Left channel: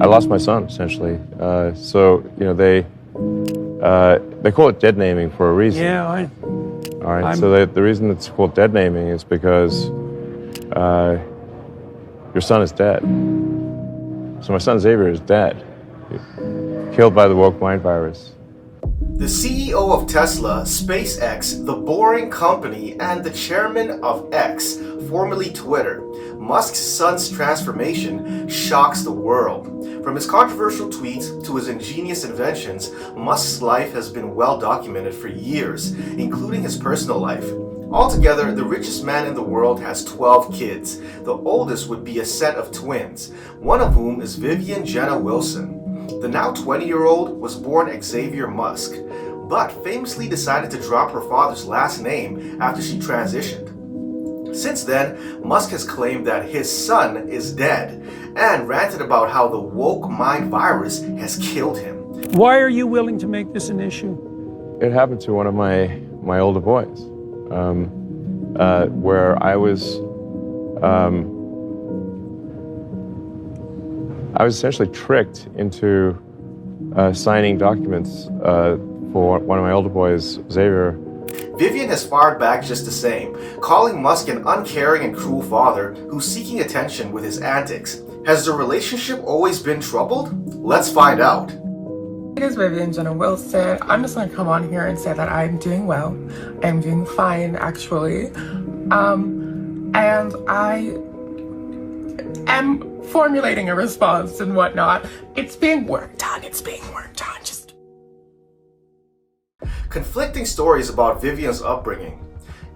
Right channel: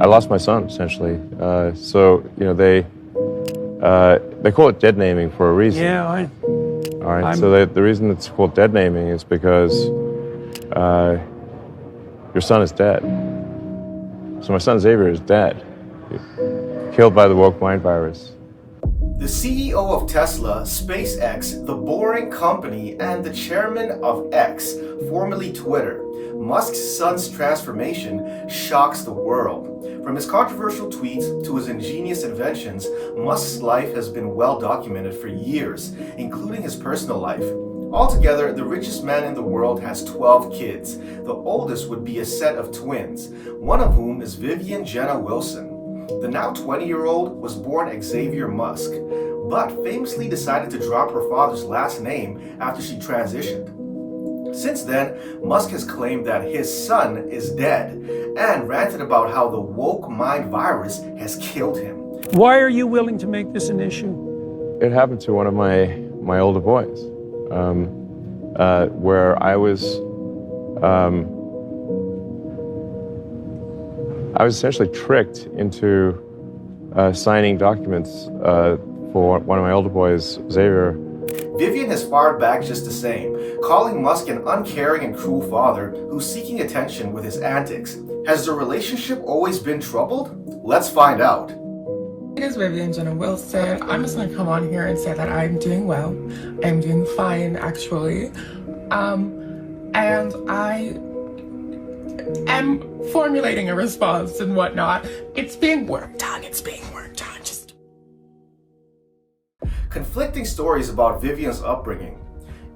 I lost my son, essentially. They call it dead naming for a reason. Yeah, All right. So the reason it's called dead naming is because your son is dead. So my son Xavier is dead, killed by the woke mind virus. The CEO of Tesla, SpaceX, the Boring Company, and the chairman of X, formerly Twitter, Musk's son's transformation shocks the world. From his controversial tweets to his ingenious inventions, Musk's life has been well documented for years, including his personal life. Altogether, the richest man in the world has 12 kids. The oldest would be a set of twins, one of whom is Vivian Jenna Wilson. The now 20-year-old was born Xavier Musk, but famously decided to drop her father's last name after she transitioned. Since then, Musk has claimed that his son is dead and ranted about how the woke mind virus has killed him. why are you willing to make this an issue? It happened to one of my older boys, where I was essentially tricked into signing documents for one of my older boys, Xavier. Vivian has fired back just the same, calling Musk an uncaring and cruel father who's seeking attention with his antics. Has the relationship always been troubled? Let's find out. It is Vivian Jenna Wilson. I'm just going to come on here and say that I'm doing well. I'm doing fine, actually. And I am formulating a response and whatnot. It's being worked on. Conflicting stories about Vivian's upbringing.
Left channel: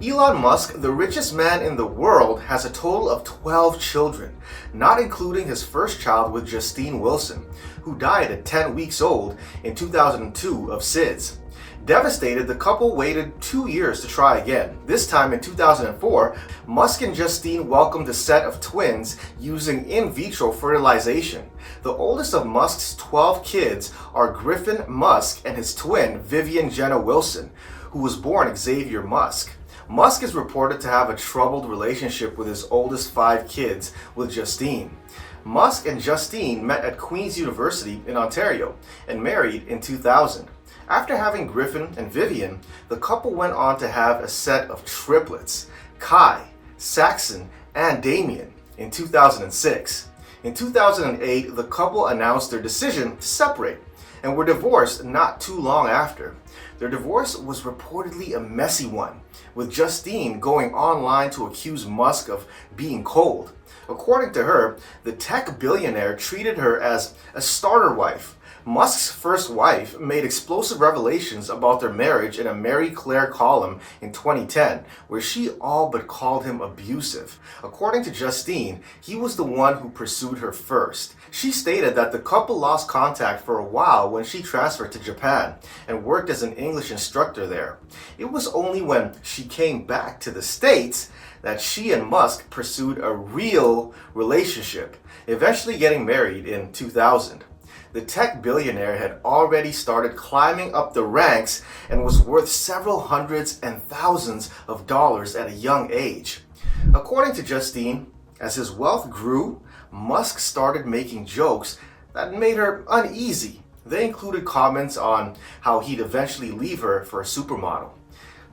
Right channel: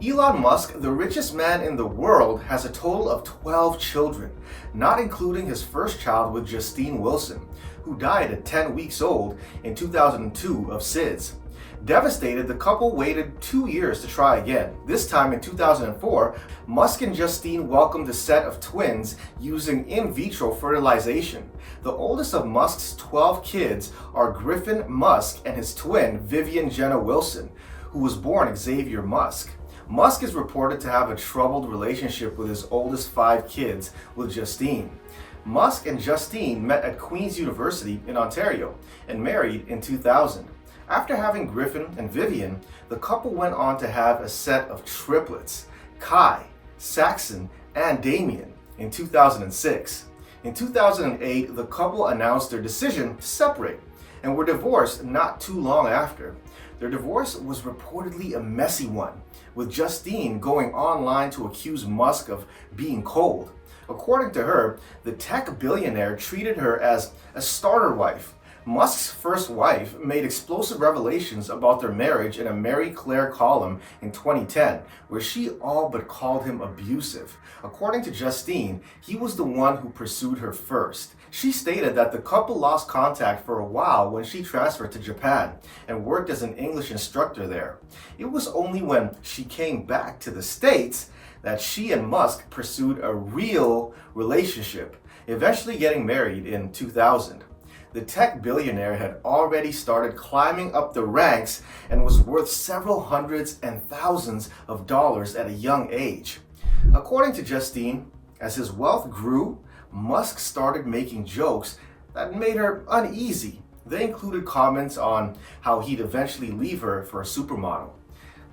Elon Musk, the richest man in the world, has a total of 12 children, not including his first child with Justine Wilson, who died at 10 weeks old in 2002 of SIDS. Devastated, the couple waited 2 years to try again. This time in 2004, Musk and Justine welcomed a set of twins using in vitro fertilization. The oldest of Musk's 12 kids are Griffin Musk and his twin, Vivian Jenna Wilson, who was born Xavier Musk. Musk is reported to have a troubled relationship with his oldest 5 kids with Justine. Musk and Justine met at Queen's University in Ontario and married in 2000. After having Griffin and Vivian, the couple went on to have a set of triplets, Kai, Saxon, and Damien, in 2006. In 2008, the couple announced their decision to separate and were divorced not too long after. Their divorce was reportedly a messy one, with Justine going online to accuse Musk of being cold. According to her, the tech billionaire treated her as a starter wife. Musk's first wife made explosive revelations about their marriage in a Marie Claire column in 2010, where she all but called him abusive. According to Justine, he was the one who pursued her first. She stated that the couple lost contact for a while when she transferred to Japan and worked as an English instructor there. It was only when she came back to the States that she and Musk pursued a real relationship, eventually getting married in 2000. The tech billionaire had already started climbing up the ranks and was worth several hundreds and thousands of dollars at a young age. According to Justine, as his wealth grew, Musk started making jokes that made her uneasy. They included comments on how he'd eventually leave her for a supermodel.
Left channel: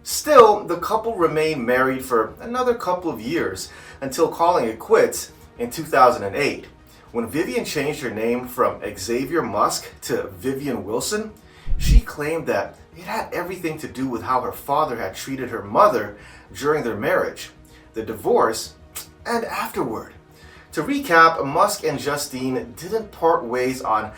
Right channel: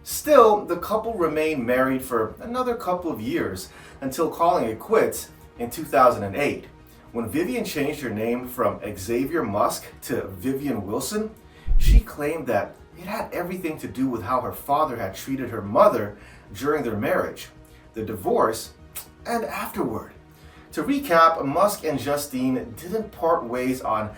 Still, the couple remained married for another couple of years until calling it quits in 2008. When Vivian changed her name from Xavier Musk to Vivian Wilson, she claimed that it had everything to do with how her father had treated her mother during their marriage, the divorce, and afterward. To recap, Musk and Justine didn't part ways on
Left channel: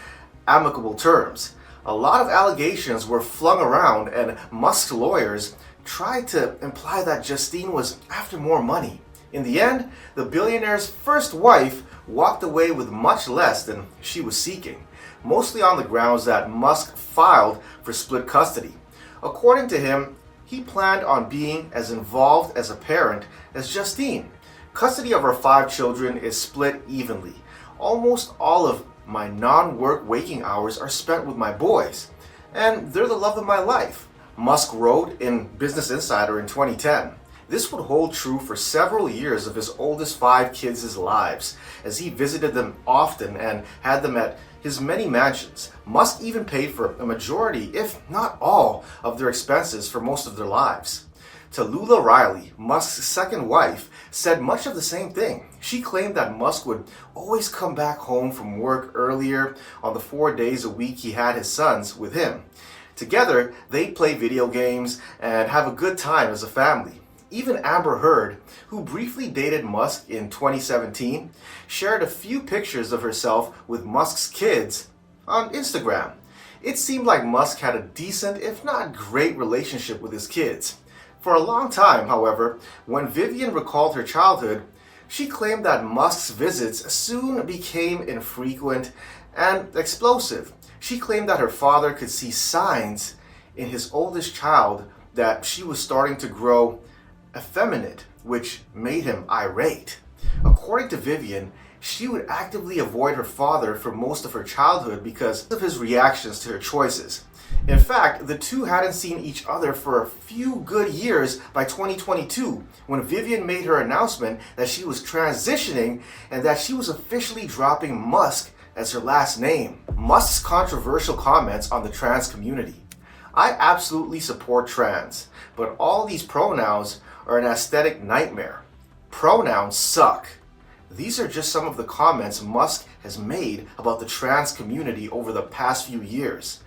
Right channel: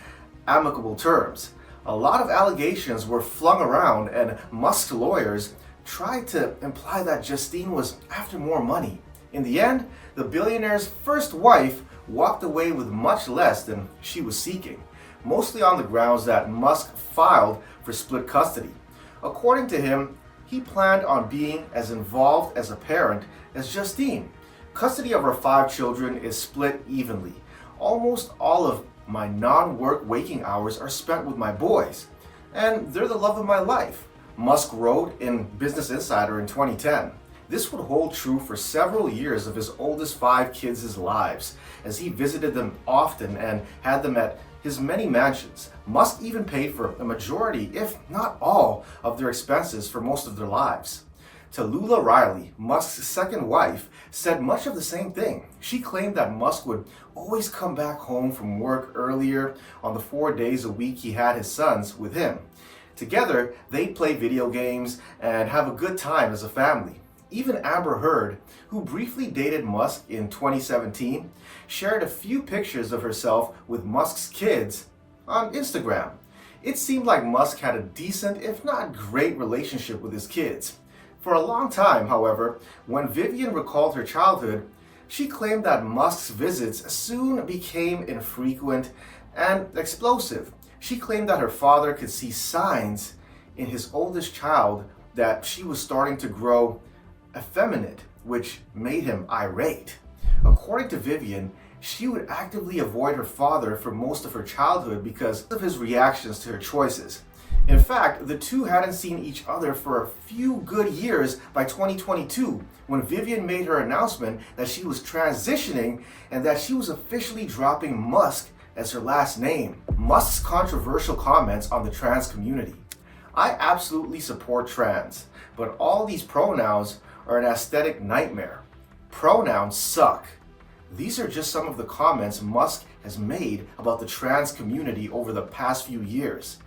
amicable terms. A lot of allegations were flung around, and Musk's lawyers tried to imply that Justine was after more money. In the end, the billionaire's first wife walked away with much less than she was seeking, mostly on the grounds that Musk filed for split custody. According to him, he planned on being as involved as a parent as Justine. Custody of our 5 children is split evenly. Almost all of my non-work waking hours are spent with my boys, and they're the love of my life, Musk wrote in Business Insider in 2010. This would hold true for several years of his oldest 5 kids' lives, as he visited them often and had them at his many mansions. Musk even paid for a majority, if not all, of their expenses for most of their lives. Tallulah Riley, Musk's second wife, said much of the same thing. She claimed that Musk would always come back home from work earlier on the 4 days a week he had his sons with him. Together, they'd play video games and have a good time as a family. Even Amber Heard, who briefly dated Musk in 2017, shared a few pictures of herself with Musk's kids on Instagram. It seemed like Musk had a decent, if not great, relationship with his kids. For a long time, however, when Vivian recalled her childhood, she claimed that Musk's visits soon became infrequent and explosive. She claimed that her father could see signs in his oldest child that she was starting to grow effeminate, which made him irate. According to Vivian, she would actively avoid her father for most of her childhood because of his reactions to her choices. In fact, the two hadn't seen each other for a few good years by 2022, when Vivian made her announcement that she was transitioning and that she was officially dropping Musk as her last name. Musk's controversial comments on the trans community. I absolutely support trans, but all these pronouns are an aesthetic nightmare. Pronouns suck. These are just some of the comments Musk has made about the trans community over the past few years.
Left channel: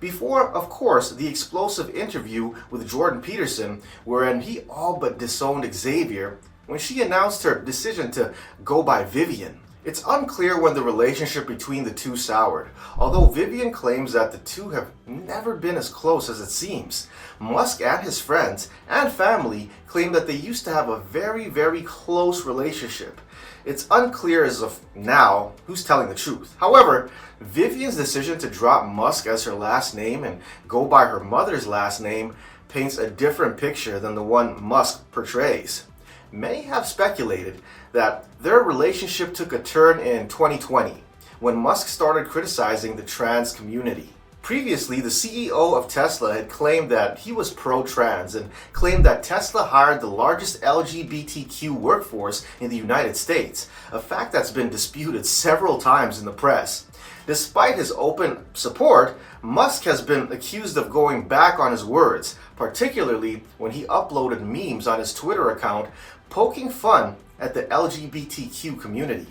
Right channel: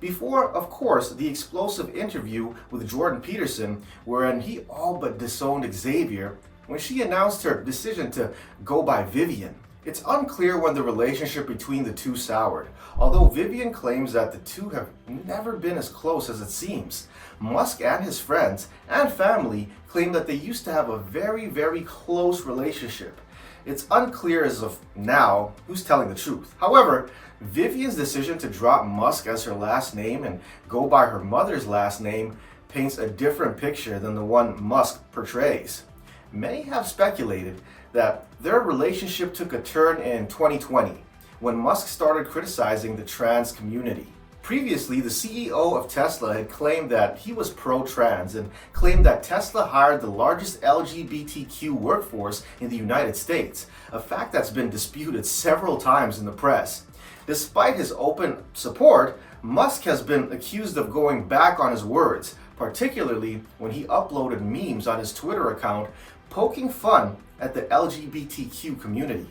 Before, of course, the explosive interview with Jordan Peterson, wherein he all but disowned Xavier when she announced her decision to go by Vivian. It's unclear when the relationship between the two soured, although Vivian claims that the two have never been as close as it seems. Musk and his friends and family claim that they used to have a very close relationship. It's unclear as of now who's telling the truth. However, Vivian's decision to drop Musk as her last name and go by her mother's last name paints a different picture than the one Musk portrays. Many have speculated that their relationship took a turn in 2020 when Musk started criticizing the trans community. Previously, the CEO of Tesla had claimed that he was pro-trans and claimed that Tesla hired the largest LGBTQ workforce in the United States, a fact that's been disputed several times in the press. Despite his open support, Musk has been accused of going back on his words, particularly when he uploaded memes on his Twitter account poking fun at the LGBTQ community.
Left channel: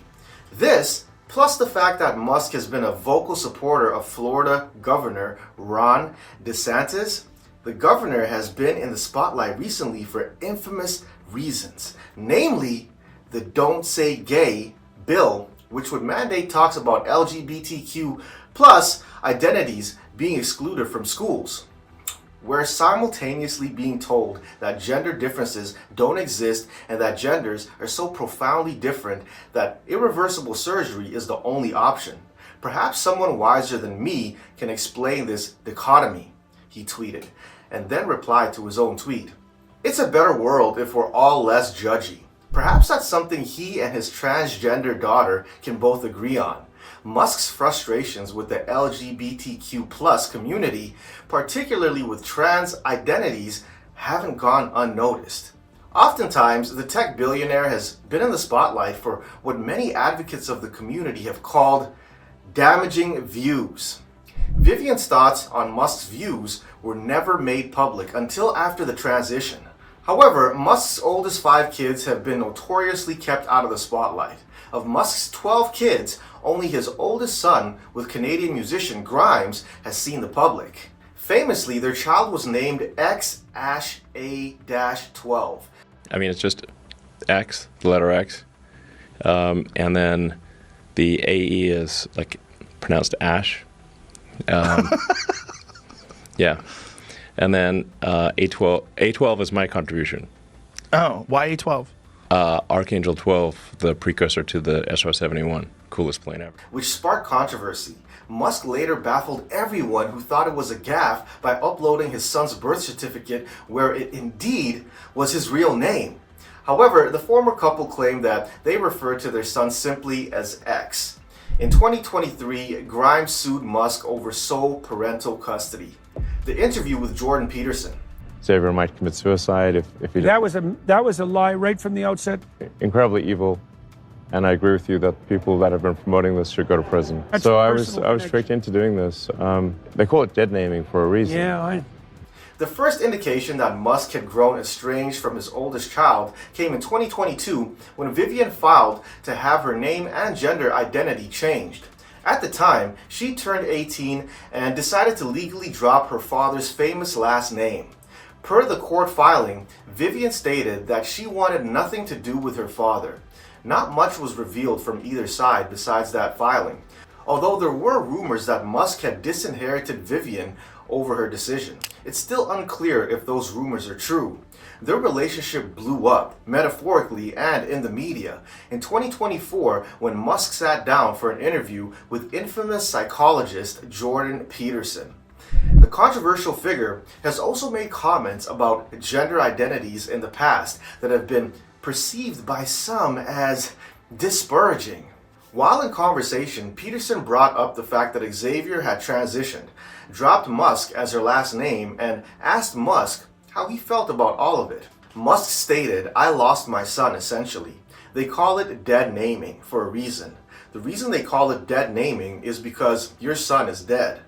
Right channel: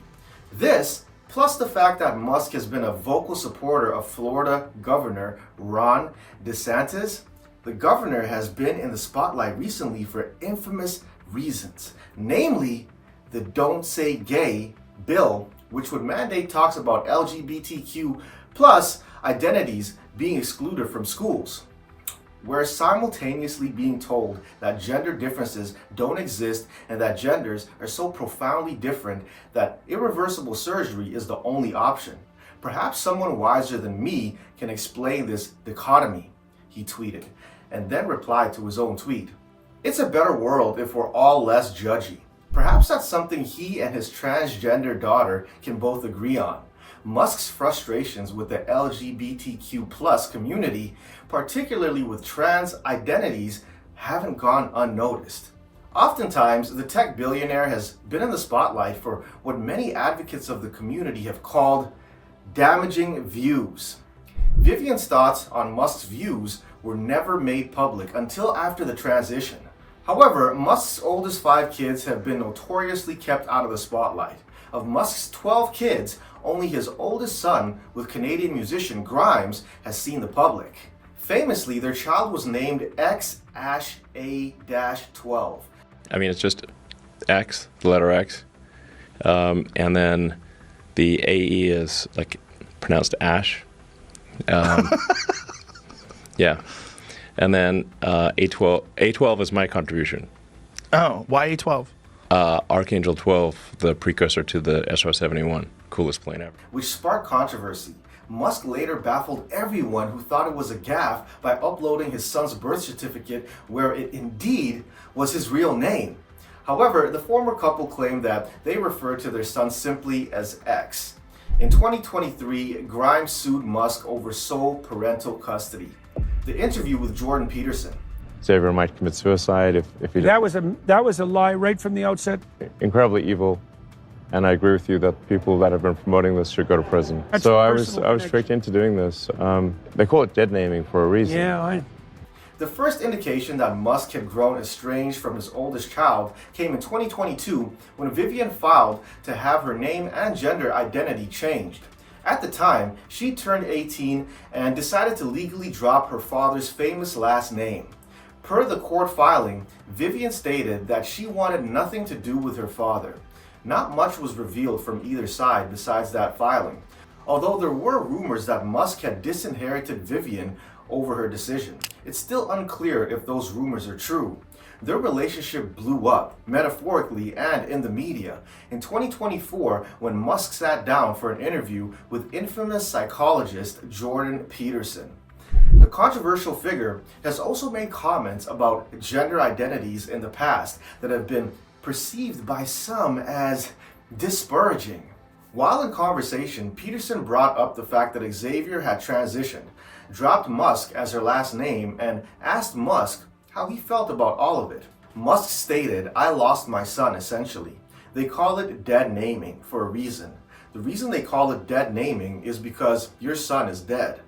This, plus the fact that Musk has been a vocal supporter of Florida Governor Ron DeSantis. The governor has been in the spotlight recently for infamous reasons, namely the Don't Say Gay bill, which would mandate talks about LGBTQ plus identities being excluded from schools. We're simultaneously being told that gender differences don't exist and that genders are so profoundly different that irreversible surgery is the only option. Perhaps someone wiser than me can explain this dichotomy, he tweeted, and then replied to his own tweet. It's a better world if we're all less judgy. Perhaps that's something he and his transgender daughter can both agree on. Musk's frustrations with the LGBTQ plus community, particularly with trans identities, haven't gone unnoticed. Oftentimes, the tech billionaire has been in the spotlight for what many advocates of the community have called damaging views. Vivian's thoughts on Musk's views were never made public until after the transition. However, Musk's oldest 5 kids have been notoriously kept out of the spotlight. Of Musk's 12 kids, only his oldest son, with Canadian musician Grimes, has seen the public. Famously, their child was named X-A-12. I mean, it's just X, the letter X, and then the AE is like pronounced Ash. Yeah, and then A12. A12 is my contribution. Oh, why A12? Archangel 12, the precursor to the SR-71, coolest plane ever. Which sparked controversy. Musk later baffled everyone who thought it was a gaffe by uploading his son's birth certificate where it indeed was his real name. However, the former couple claimed that they referred to their son simply as X. In 2023, Grimes sued Musk over sole parental custody. The interview with Jordan Peterson. Xavier might commit suicide if he That was a lie right from the outset. incredibly evil. And I agree with you that people that have been promoting this should go to prison. That's so I personal was tricked into doing this. They call it dead naming for a reason. Yeah, The first indication that Musk had grown estranged from his oldest child came in 2022 when Vivian filed to have her name and gender identity changed. At the time, she turned 18 and decided to legally drop her father's famous last name. Per the court filing, Vivian stated that she wanted nothing to do with her father. Not much was revealed from either side besides that filing, although there were rumors that Musk had disinherited Vivian over her decision. It's still unclear if those rumors are true. Their relationship blew up, metaphorically and in the media, in 2024 when Musk sat down for an interview with infamous psychologist Jordan Peterson. The controversial figure has also made comments about gender identities in the past that have been perceived by some as disparaging. While in conversation, Peterson brought up the fact that Xavier had transitioned, dropped Musk as her last name, and asked Musk how he felt about all of it. Musk stated, "I lost my son, essentially. They call it dead naming for a reason. The reason they call it dead naming is because your son is dead."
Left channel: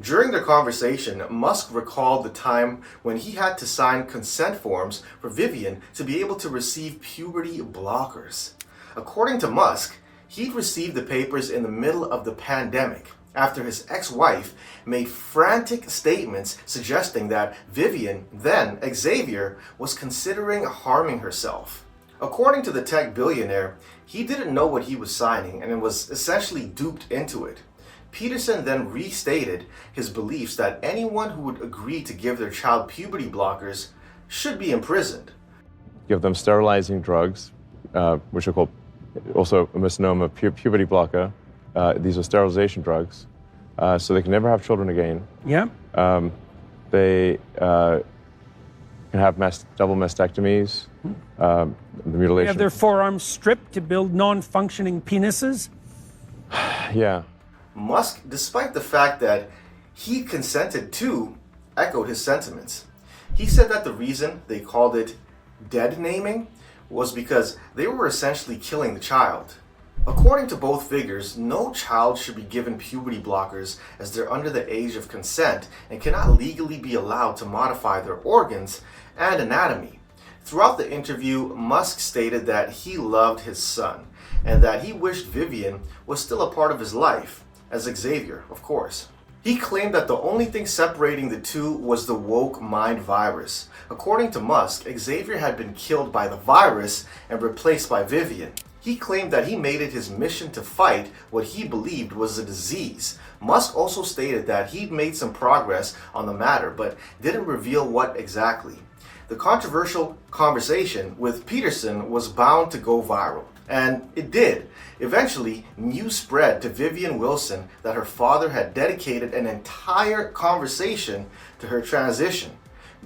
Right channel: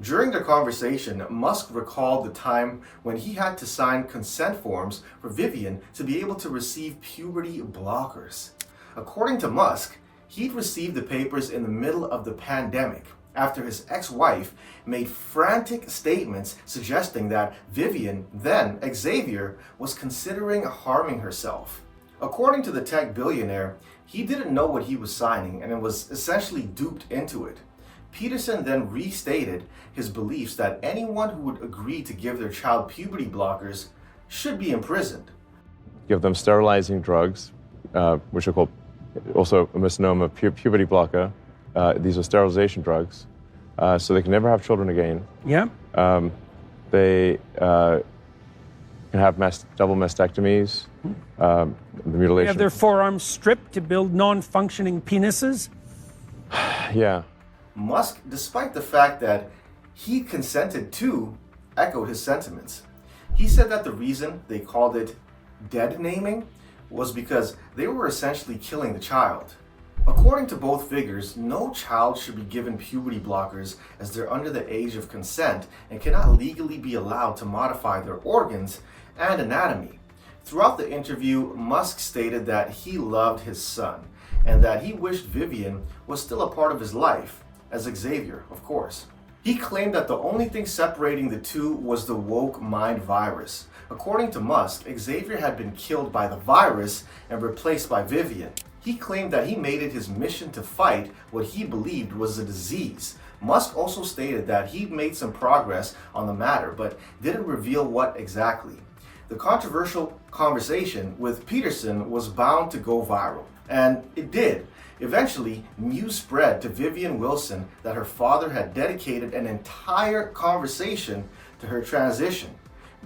During their conversation, Musk recalled the time when he had to sign consent forms for Vivian to be able to receive puberty blockers. According to Musk, he'd received the papers in the middle of the pandemic after his ex-wife made frantic statements suggesting that Vivian, then Xavier, was considering harming herself. According to the tech billionaire, he didn't know what he was signing and was essentially duped into it. Peterson then restated his beliefs that anyone who would agree to give their child puberty blockers should be imprisoned. Give them sterilizing drugs, which are called also a misnomer, puberty blocker. These are sterilization drugs, so they can never have children again. yeah. They can have double mastectomies, the mutilation. Have their forearms stripped to build non-functioning penises. Yeah. Musk, despite the fact that he consented to, echoed his sentiments. He said that the reason they called it dead naming was because they were essentially killing the child. According to both figures, no child should be given puberty blockers as they're under the age of consent and cannot legally be allowed to modify their organs and anatomy. Throughout the interview, Musk stated that he loved his son and that he wished Vivian was still a part of his life, as Xavier, of course. He claimed that the only thing separating the two was the woke mind virus. According to Musk, Xavier had been killed by the virus and replaced by Vivian. He claimed that he made it his mission to fight what he believed was a disease. Musk also stated that he'd made some progress on the matter, but didn't reveal what exactly. The controversial conversation with Peterson was bound to go viral, and it did. Eventually, news spread to Vivian Wilson that her father had dedicated an entire conversation to her transition,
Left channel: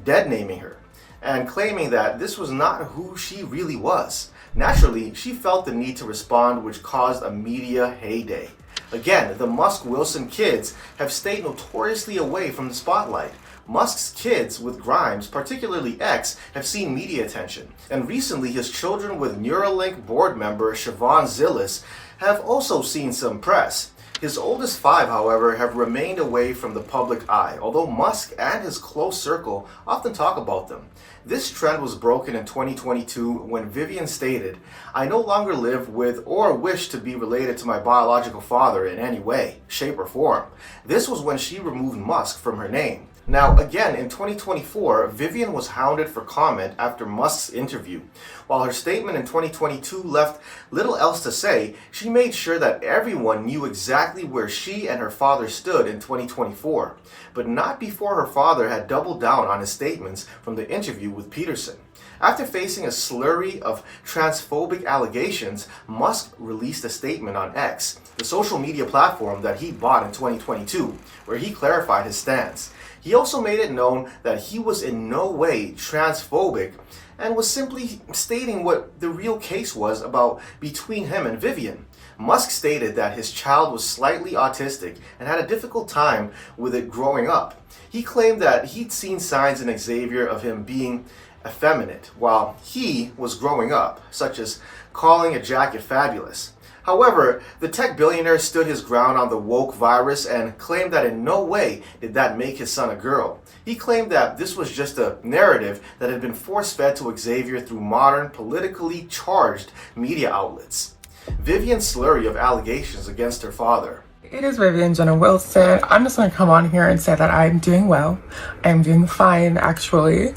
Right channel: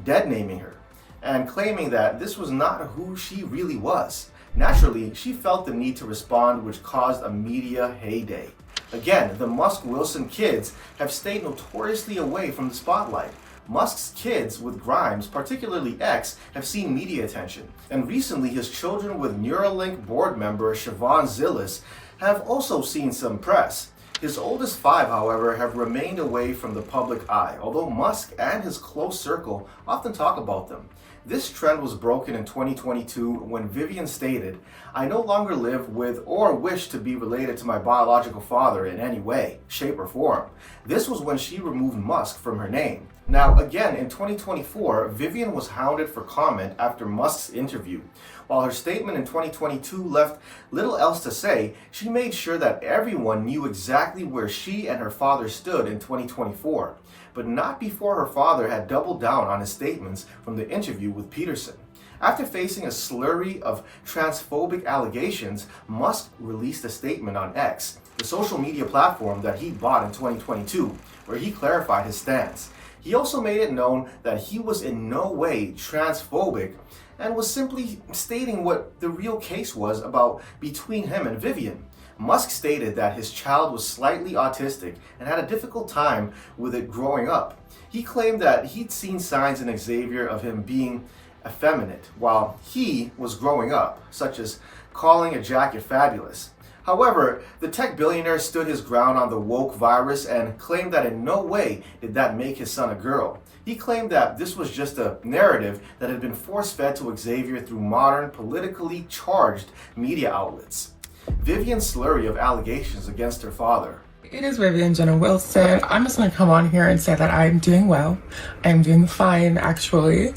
dead naming her, and claiming that this was not who she really was. Naturally, she felt the need to respond, which caused a media heyday. Again, the Musk-Wilson kids have stayed notoriously away from the spotlight. Musk's kids with Grimes, particularly X, have seen media attention, and recently his children with Neuralink board member Siobhan Zillis have also seen some press. His oldest 5, however, have remained away from the public eye, although Musk and his close circle often talk about them. This trend was broken in 2022 when Vivian stated, "I no longer live with or wish to be related to my biological father in any way, shape, or form." This was when she removed Musk from her name. Now, again, in 2024, Vivian was hounded for comment after Musk's interview. While her statement in 2022 left little else to say, she made sure that everyone knew exactly where she and her father stood in 2024, but not before her father had doubled down on his statements from the interview with Peterson. After facing a slurry of transphobic allegations, Musk released a statement on X, the social media platform that he bought in 2022, where he clarified his stance. He also made it known that he was in no way transphobic and was simply stating what the real case was about between him and Vivian. Musk stated that his child was slightly autistic and had a difficult time with it growing up. He claimed that he'd seen signs in Xavier of him being effeminate while he was growing up, such as calling a jacket fabulous. However, the tech billionaire stood his ground on the woke virus and claimed that in no way did that make his son a girl. He claimed that this was just a narrative that had been force-fed to Xavier through modern, politically charged media outlets. Vivian's slurry of allegations against her father. It is Vivian Jenna Wilson. I'm just going to come on here and say that I'm doing well. I'm doing fine, actually.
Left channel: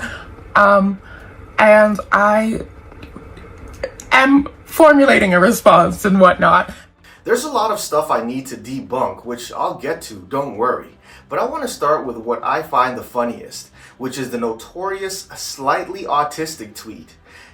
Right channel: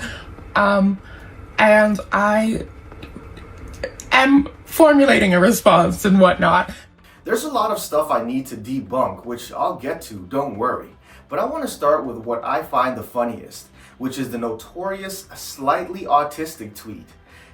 And I am formulating a response and whatnot. There's a lot of stuff I need to debunk, which I'll get to, don't worry. But I want to start with what I find the funniest, which is the notorious slightly autistic tweet.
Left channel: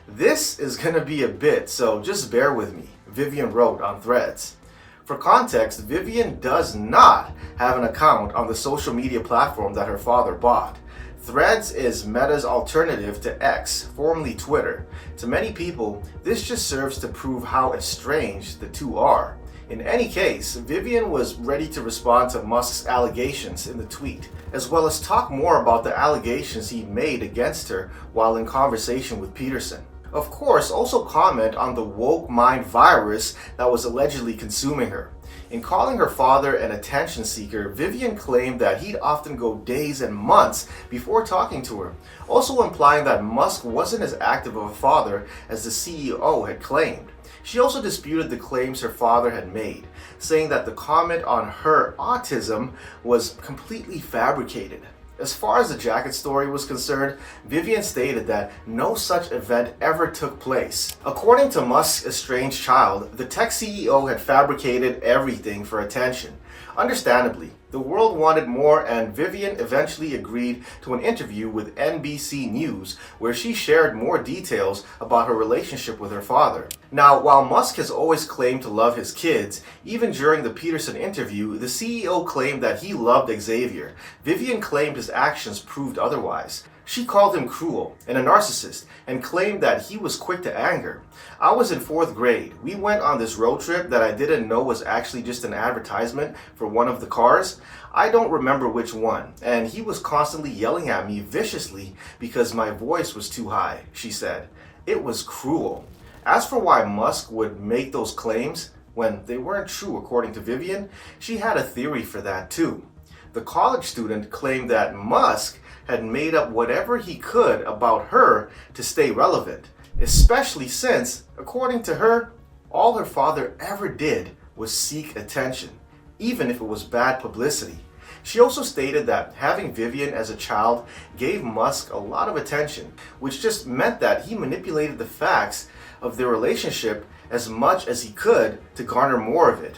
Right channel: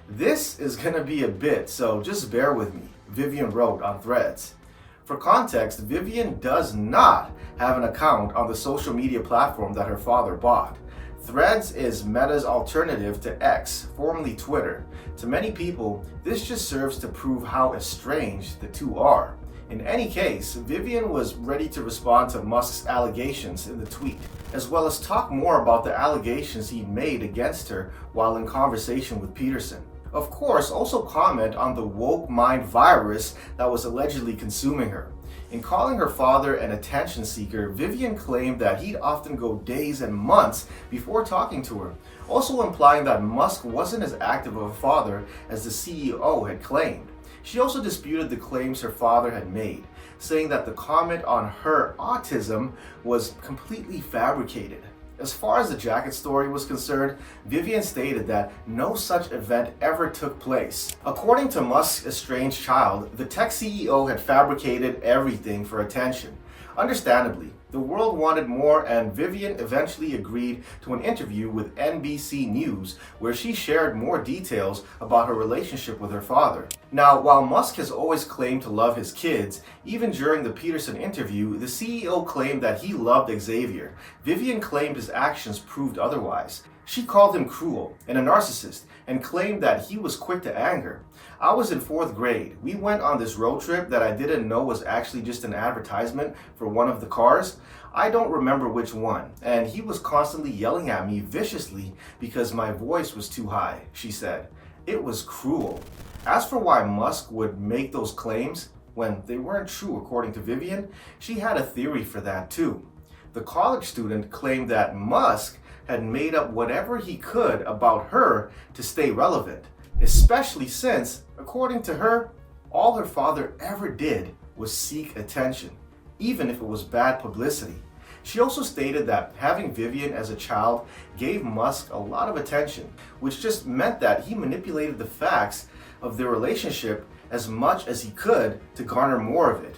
This is going to be a bit, so just bear with me, Vivian wrote on Threads. For context, Vivian does not have an account on the social media platform that her father bought. Threads is Meta's alternative to X, formerly Twitter. To many people, this just serves to prove how estranged the two are. In any case, Vivian was ready to respond to Musk's allegations in the tweet, as well as talk more about the allegations he'd made against her while in conversation with Peterson. Of course, also comment on the woke mind virus that was allegedly consuming her. In calling her father an attention seeker, Vivian claimed that he'd often go days and months before talking to her, also implying that Musk wasn't as active of a father as the CEO had claimed. She also disputed the claims her father had made, saying that the comment on her autism was completely fabricated. As far as the jacket story was concerned, Vivian stated that no such event ever took place. According to Musk's estranged child, the tech CEO had fabricated everything for attention. Understandably, the world wanted more, and Vivian eventually agreed to an interview with NBC News where she shared more details about her relationship with her father. Now, while Musk has always claimed to love his kids, even during the Peterson interview, the CEO claimed that he loved Xavier. Vivian claimed his actions proved otherwise. She called him cruel and a narcissist and claimed that he was quick to anger. I was in 4th grade. We went on this road trip that I didn't know was actually just an advertisement for one of the cars. I don't remember which one, and he was constantly yelling at me viciously because my voice was too high, she said. It was cruel. As for why Musk would make those claims when they weren't true according to Vivian, she had a theory for that too. The college student claimed that Musk had made up whatever he could about her to stay relevant, especially since, according to her, all her father ever did was seek attention, even if it was bad publicity. She also stated that having Vivian as a child gave Musk a lot of attention, which just meant that he manipulated the facts of their relationship as much as he could to garner more of it.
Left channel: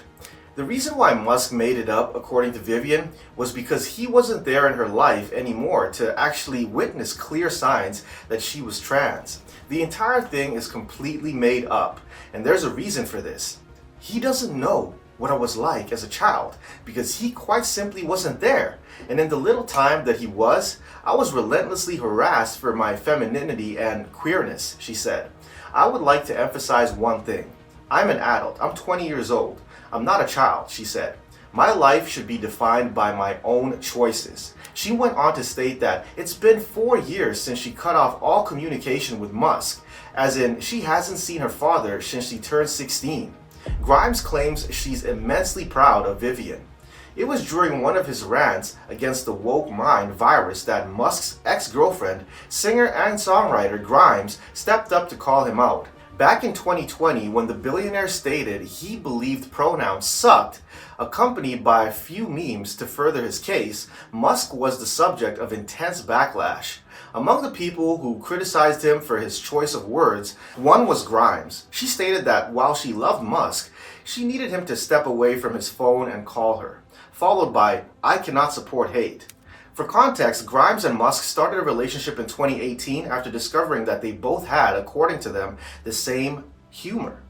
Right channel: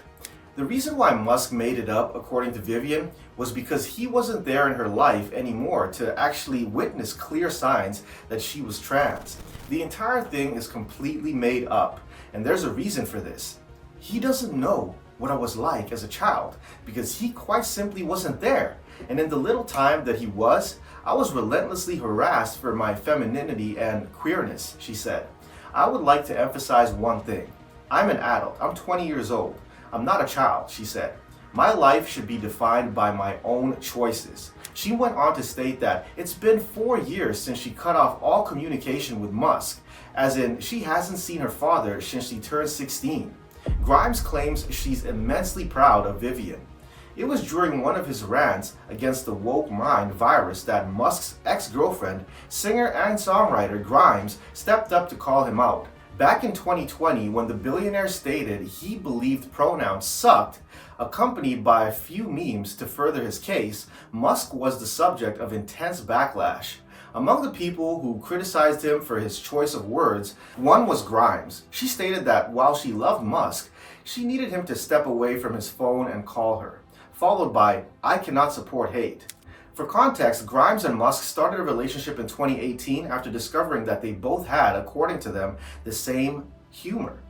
The reason why Musk made it up, according to Vivian, was because he wasn't there in her life anymore to actually witness clear signs that she was trans. The entire thing is completely made up, and there's a reason for this. He doesn't know what I was like as a child because he quite simply wasn't there. And in the little time that he was, I was relentlessly harassed for my femininity and queerness, she said. I would like to emphasize one thing. I'm an adult. I'm 20 years old. I'm not a child, she said. My life should be defined by my own choices. She went on to state that it's been 4 years since she cut off all communication with Musk, as in she hasn't seen her father since she turned 16. Grimes claims she's immensely proud of Vivian. It was during one of his rants against the woke mind virus that Musk's ex-girlfriend, singer and songwriter Grimes, stepped up to call him out. Back in 2020, when the billionaire stated he believed pronouns sucked, accompanied by a few memes to further his case, Musk was the subject of intense backlash. Among the people who criticized him for his choice of words, one was Grimes. She stated that while she loved Musk, she needed him to step away from his phone and call her, followed by, "I cannot support hate." For context, Grimes and Musk started a relationship in 2018 after discovering that they both had, according to them, the same humor.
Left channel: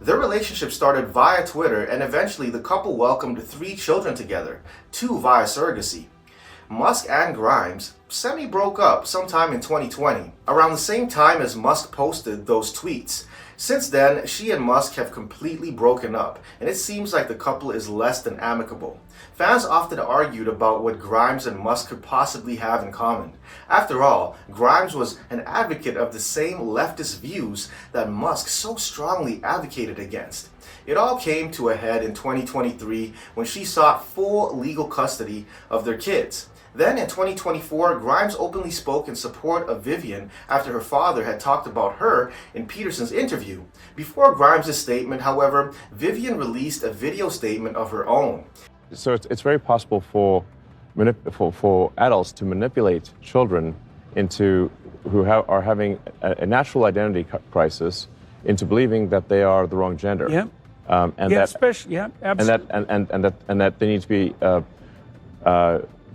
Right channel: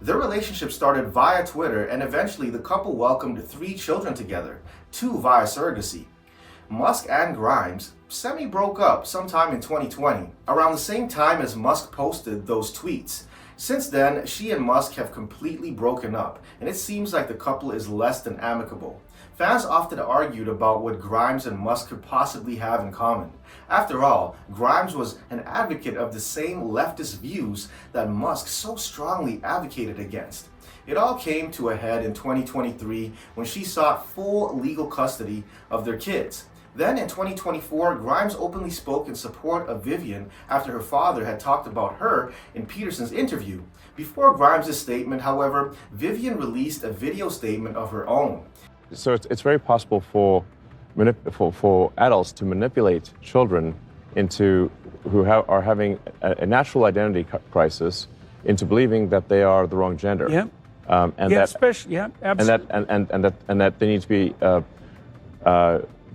Their relationship started via Twitter, and eventually the couple welcomed 3 children together, 2 via surrogacy. Musk and Grimes semi-broke up sometime in 2020, around the same time as Musk posted those tweets. Since then, she and Musk have completely broken up, and it seems like the couple is less than amicable. Fans often argued about what Grimes and Musk could possibly have in common. After all, Grimes was an advocate of the same leftist views that Musk so strongly advocated against. It all came to a head in 2023 when she sought full legal custody of their kids. Then in 2024, Grimes openly spoke in support of Vivian after her father had talked about her in Peterson's interview. Before Grimes' statement, however, Vivian released a video statement of her own. So it's very possible for adults to manipulate children into are having a natural identity crisis into believing that they are the wrong gender. Yeah. And yeah, that, especially, yeah, absolutely. and that they need to be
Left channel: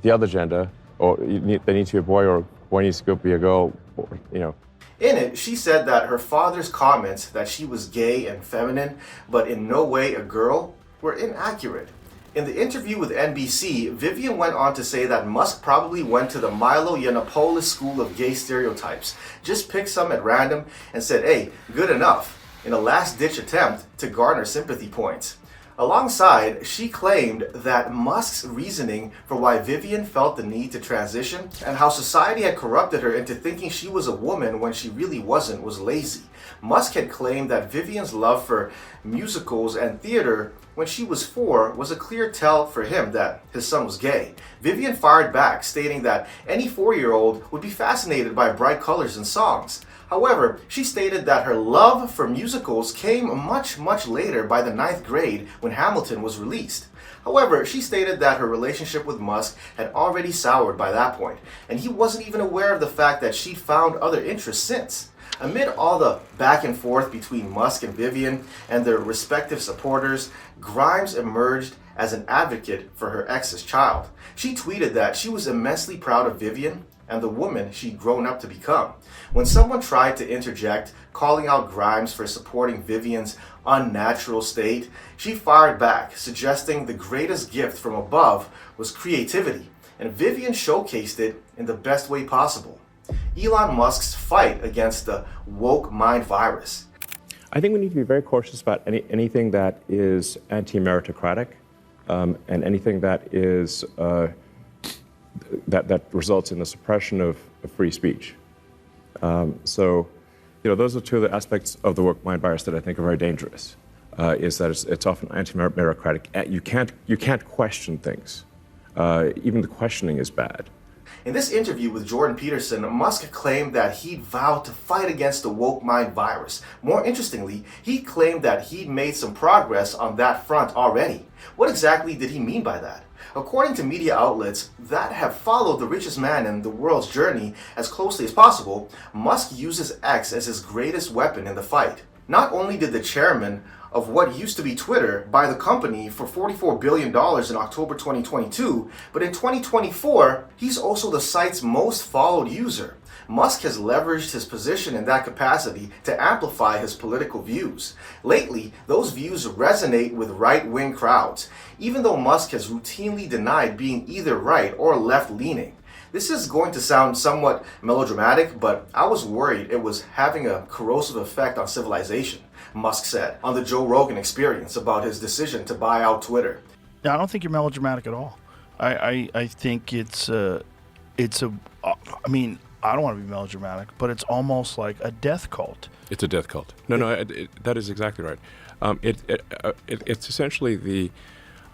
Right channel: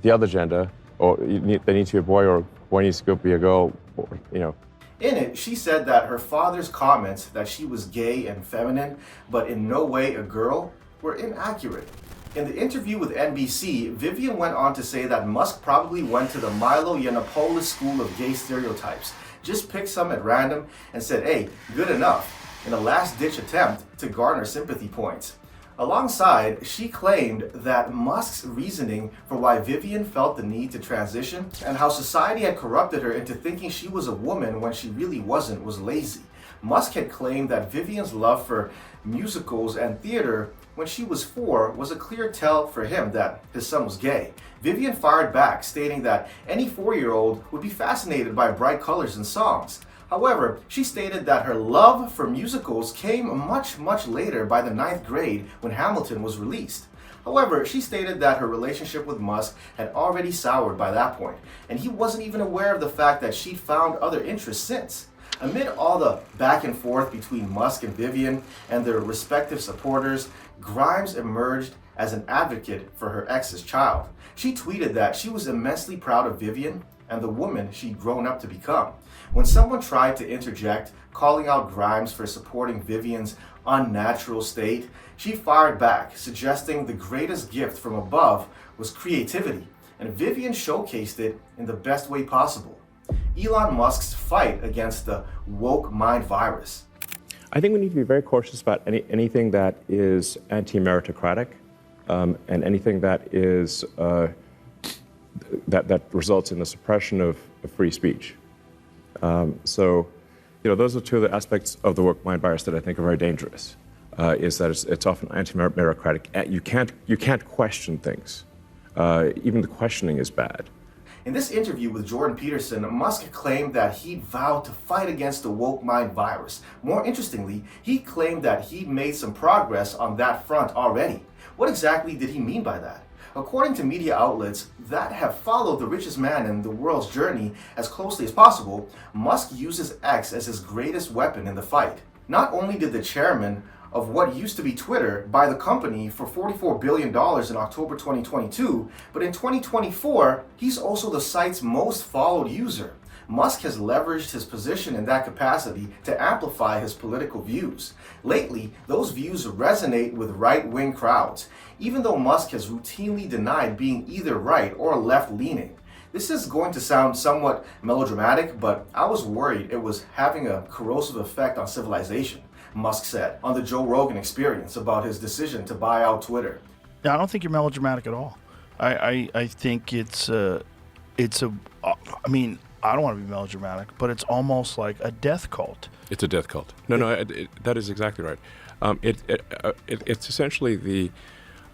the other gender, or they need to be a boy, or boy needs to be a girl, or, you know. In it, she said that her father's comments that she was gay and feminine, but in no way a girl, were inaccurate. In the interview with NBC, Vivian went on to say that Musk probably went to the Milo Yiannopoulos school of gay stereotypes, just picked some at random and said, hey, good enough, in a last-ditch attempt to garner sympathy points. Alongside, she claimed that Musk's reasoning for why Vivian felt the need to transition and how society had corrupted her into thinking she was a woman when she really wasn't was lazy. Musk had claimed that Vivian's love for musicals and theater when she was 4 was a clear tell for him that his son was gay. Vivian fired back, stating that any 4-year-old would be fascinated by bright colors and songs. However, she stated that her love for musicals came much, much later by the 9th grade when Hamilton was released. However, she stated that her relationship with Musk had already soured by that point, and he wasn't even aware of the fact that she'd found other interests since. Amid all the back and forth between Musk and Vivian and their respective supporters, Grimes emerged as an advocate for her ex's child. She tweeted that she was immensely proud of Vivian and the woman she'd grown up to become. When someone tried to interject, calling out Grimes for supporting Vivian's unnatural state, she fired back, suggesting the greatest gift from above was creativity, and Vivian showcased it in the best way possible. Elon Musk's fight against the woke mind virus. I think we need to be very cautious about anything that is anti-meritocratic, and anything that is that results in the suppression of free speech. So, you know, those are two of the aspects of the woke mind virus that I think are very dangerous. Is that it's often anti-meritocratic. You can't question things. Even the questioning is bad. In this interview with Jordan Peterson, Musk claimed that he'd vowed to fight against the woke mind virus. More interestingly, he claimed that he'd made some progress on that front already. What exactly did he mean by that? According to media outlets that have followed the richest man in the world's journey as closely as possible, Musk uses X as his greatest weapon in the fight. Not only did the chairman of what used to be Twitter buy the company for $44 billion in October 2022, but in 2024, he's also the site's most followed user. Musk has leveraged his position in that capacity to amplify his political views. Lately, those views resonate with right-wing crowds, even though Musk has routinely denied being either right or left-leaning. This is going to sound somewhat melodramatic, but I was worried it was having a corrosive effect on civilization, Musk said on the Joe Rogan Experience about his decision to buy out Twitter. Yeah, I don't think you're melodramatic at all. I think it's I mean, I don't want to be melodramatic, but it's almost like a death cult. It's a death cult. No, that is exactly right. It's essentially the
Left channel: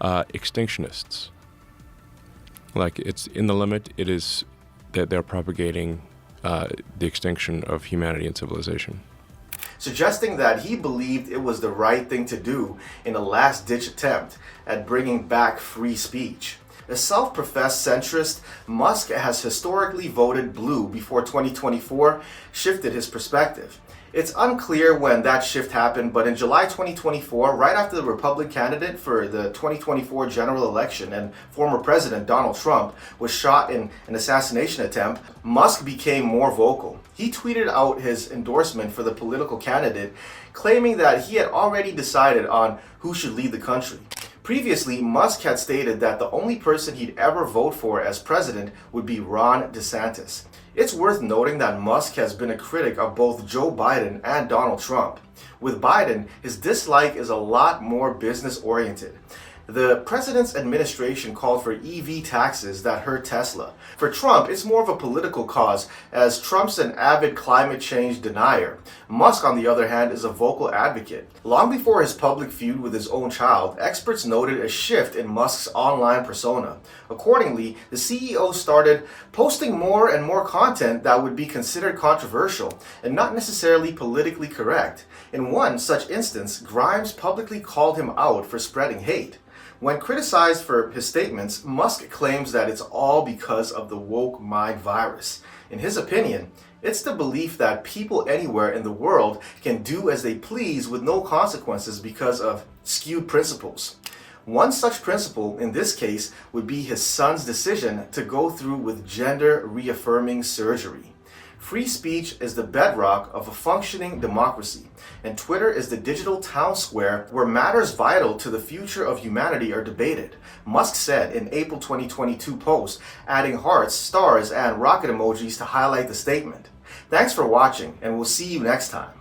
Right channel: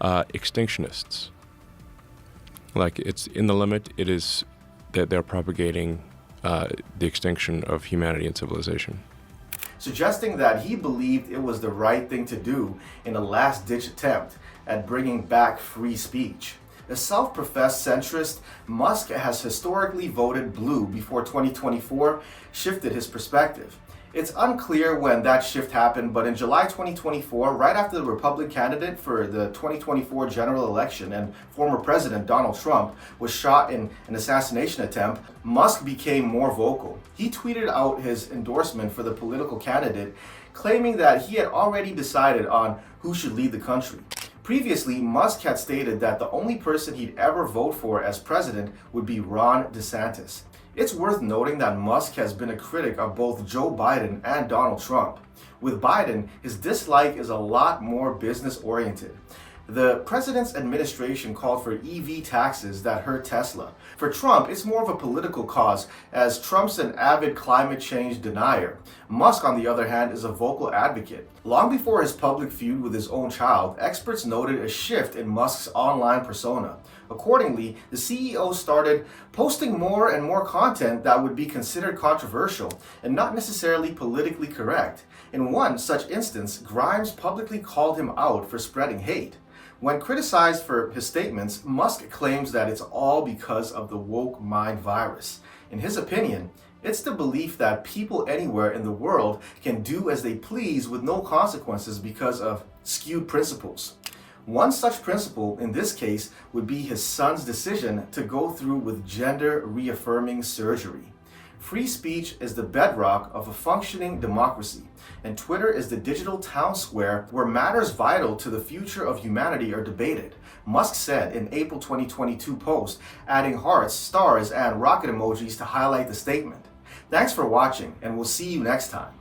extinctionists. Like, it's in the limit. It is that they're propagating the extinction of humanity and civilization, suggesting that he believed it was the right thing to do in a last-ditch attempt at bringing back free speech. A self-professed centrist, Musk has historically voted blue before 2024 shifted his perspective. It's unclear when that shift happened, but in July 2024, right after the Republican candidate for the 2024 general election and former President Donald Trump was shot in an assassination attempt, Musk became more vocal. He tweeted out his endorsement for the political candidate, claiming that he had already decided on who should lead the country. Previously, Musk had stated that the only person he'd ever vote for as president would be Ron DeSantis. It's worth noting that Musk has been a critic of both Joe Biden and Donald Trump. With Biden, his dislike is a lot more business-oriented. The president's administration called for EV taxes that hurt Tesla. For Trump, it's more of a political cause, as Trump's an avid climate change denier. Musk, on the other hand, is a vocal advocate. Long before his public feud with his own child, experts noted a shift in Musk's online persona. Accordingly, the CEO started posting more and more content that would be considered controversial and not necessarily politically correct. In one such instance, Grimes publicly called him out for spreading hate. When criticized for his statements, Musk claims that it's all because of the woke mind virus. In his opinion, it's the belief that people anywhere in the world can do as they please with no consequences because of skewed principles. One such principle, in this case, would be his son's decision to go through with gender-reaffirming surgery. Free speech is the bedrock of a functioning democracy, and Twitter is the digital town square where matters vital to the future of humanity are debated, Musk said in April 2022 post, adding hearts, stars, and rocket emojis to highlight the statement. Thanks for watching, and we'll see you next time.